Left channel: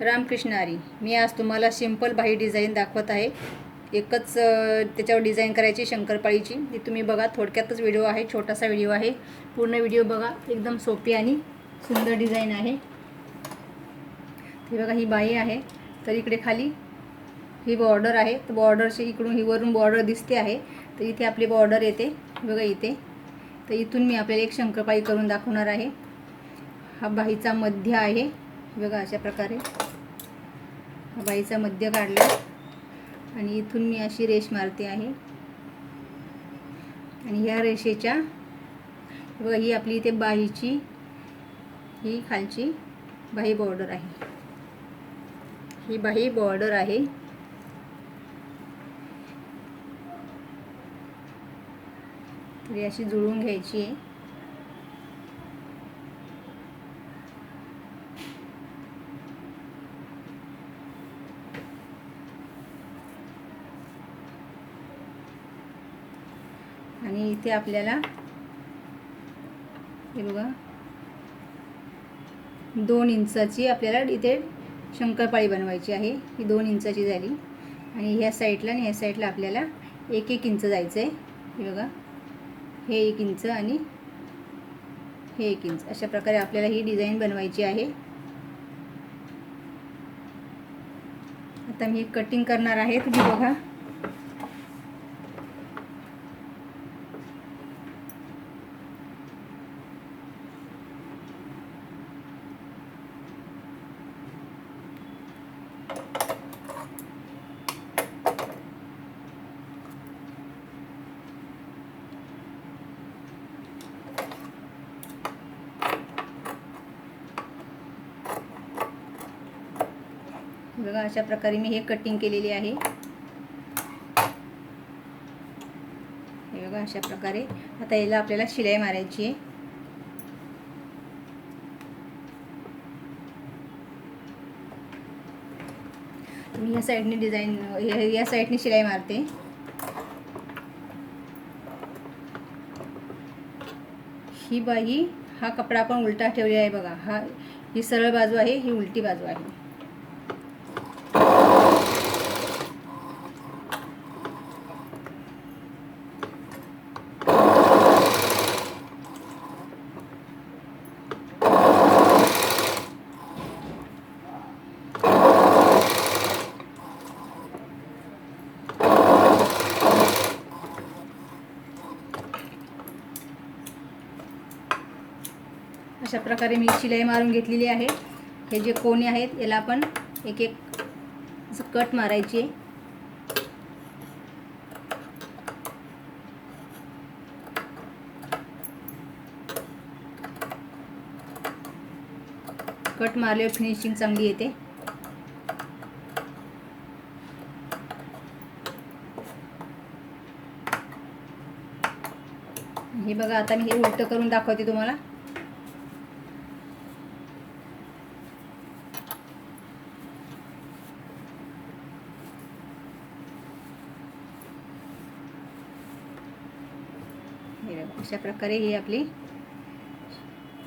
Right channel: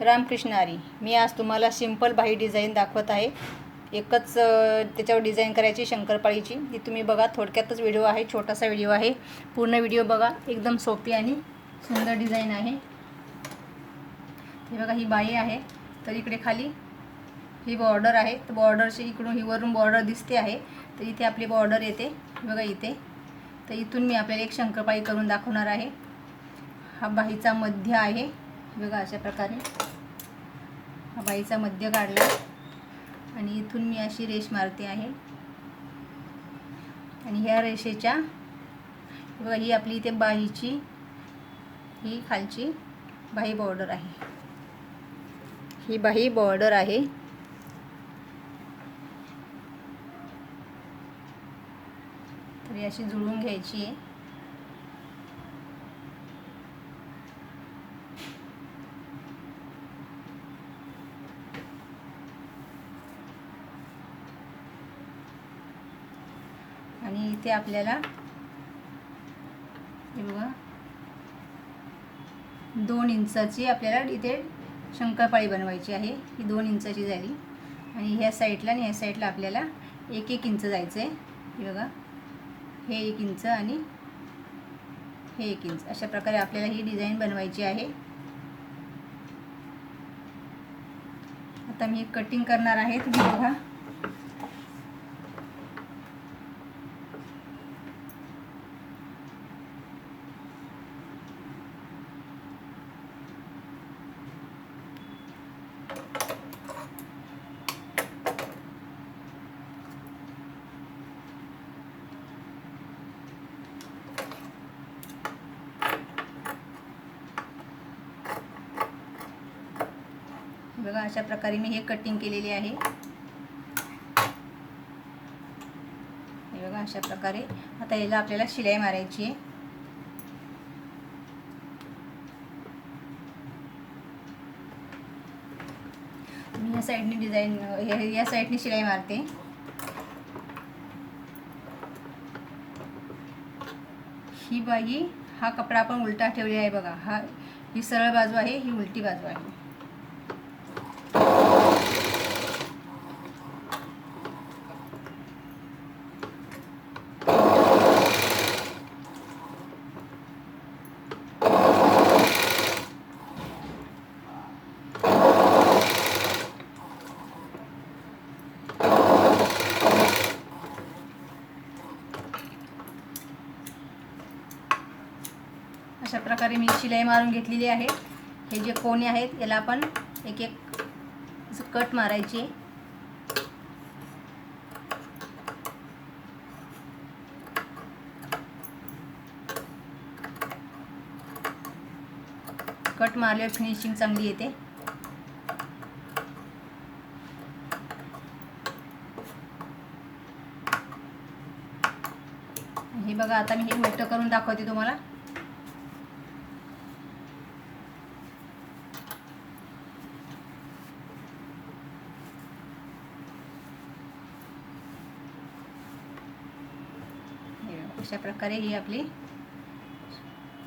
रामकृष्ण हरी मी आज तुम्हाला सिंपल बाही डिझाईन दाखवत आहे. एकच त्याच्यावर डिझाईन करायची शंकरपाळीची. ती तुम्ही बघा थोडक्यातच व्हिडिओ आहे छोटासा व्हिडिओ आहे. पूर्ण व्हिडिओ बघा एकदम सोपी आणि सुंदर डिझाईन आहे. हे बघा ही बाई आहे. तर इकडे खाली ही बॉर्डर आहे. तर बॉर्डरची इकडून ही वरून बॉर्डर दिसते आहे. तर इथे आपली बॉर्डर येते. बघा इथे. तर इथून मी आपल्याला एक शंकरपाळी करून दाखवणार आहे. हा बाईचा मध्य आहे. बघा अशा प्रकारे हा बाईचा मध्य काढला आणि इथून मी अशी रेष मारते आहे. आणि ह्या रेषेच्या बघा ही आपली इथे बाहीची ही खालची बाही बॉर्डर आहे. ही बाही बॉर्डर आहे. ही अशी जुळवून घ्यायची आहे. आणि इथे आपल्याला हे बघा. दोन इंचाची आपल्याला इथे शंकरपाळी बनवायची आहे. ही दोन इंचाची झाली. आणि ह्या साईडला आणि ह्या साईडला आपल्याला एक एक इंच जायचं आहे हे बघा. हे एक इंच आणि हे एक इंच. अशा प्रकारे आपल्याला ही डिझाईन बनवायची आहे. आता मी कटिंग करणार आहे. तुम्ही बघा. बघा अशा प्रकारे मी हे कटिंग केलेले आहे. हे बघा अशा प्रकारे. आता याला आपल्याला शिलाई मारायची आहे. मी या साईडने डिझाईन या साईडने शिलाई मारते. ही बाई हा कपडा आपण उलटा ठेवलेला आहे बघा. हा ही सरळ बाजू आहे ही उलटी बाजू आहे अशा प्रकारे मी शिलाई मारून घेतलेली आहे. हे जे कोणे आहेत याला आपण एक एक असं कट मारायची कट मारल्यावर फिनिशिंग चांगली येते. हे बघा आता मी हे उलट करून दाखवते तुम्हाला हे बघा, अशा प्रकारे ही आपली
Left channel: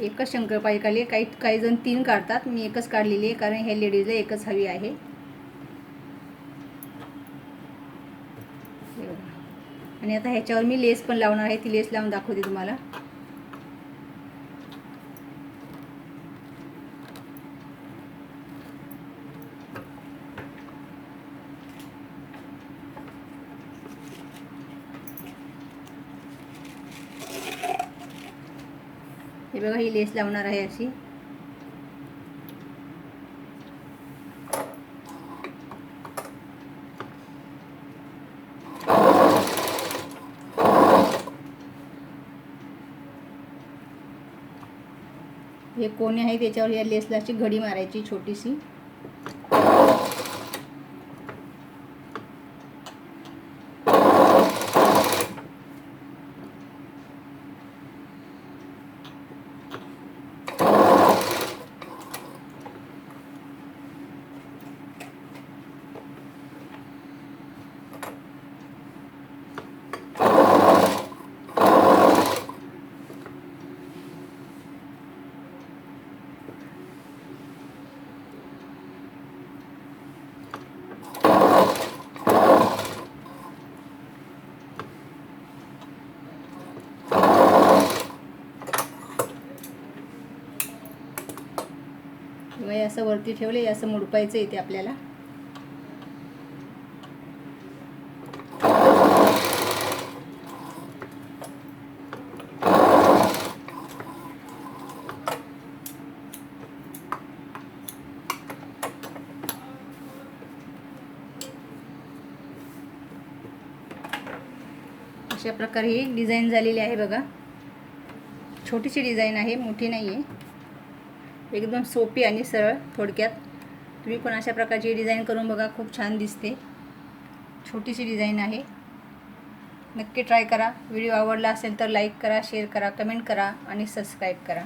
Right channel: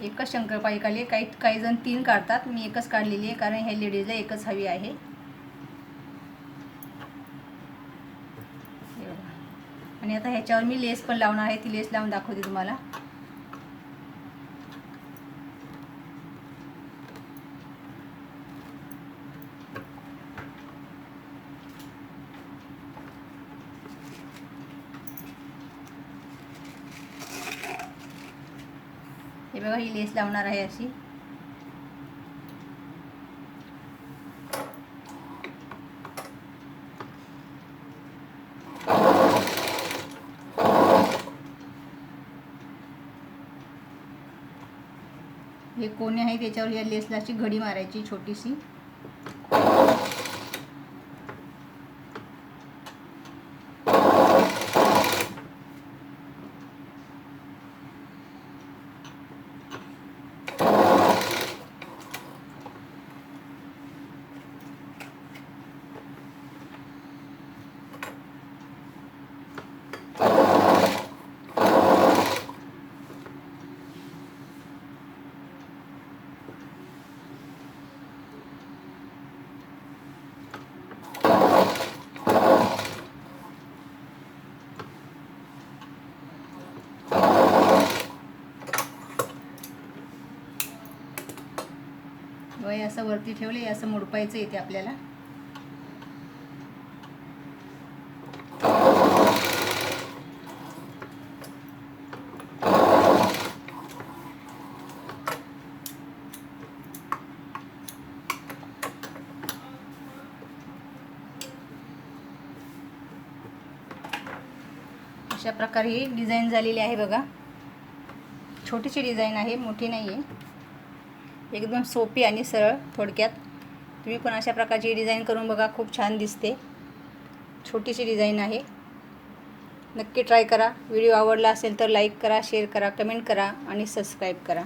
एकच शंकरपाळी काढली काही काही जण तीन काढतात. मी एकच काढलेली आहे कारण ह्या लेडीजला एकच हवी आहे. आणि आता ह्याच्यावर मी लेस पण लावणार आहे. ती लेस लावून दाखवते तुम्हाला. हे बघा ही लेस लावणार आहे अशी. हे कोणे आहे त्याच्यावर या लेसला अशी घडी मारायची छोटीशी. असं वरती ठेवले असं मुडपायचं येते आपल्याला. अशा प्रकारे ही डिझाईन झालेली आहे बघा. छोटीशी डिझाईन आहे मोठी नाही आहे एकदम सोपी आणि सरळ थोडक्यात. तुम्ही पण अशा प्रकारची डिझाईन करून बघा खूप छान दिसते. छोटीशी डिझाईन आहे. नक्की ट्राय करा. व्हिडिओ आवडला असेल तर लाईक करा शेअर करा कमेंट करा आणि सबस्क्राईब करा.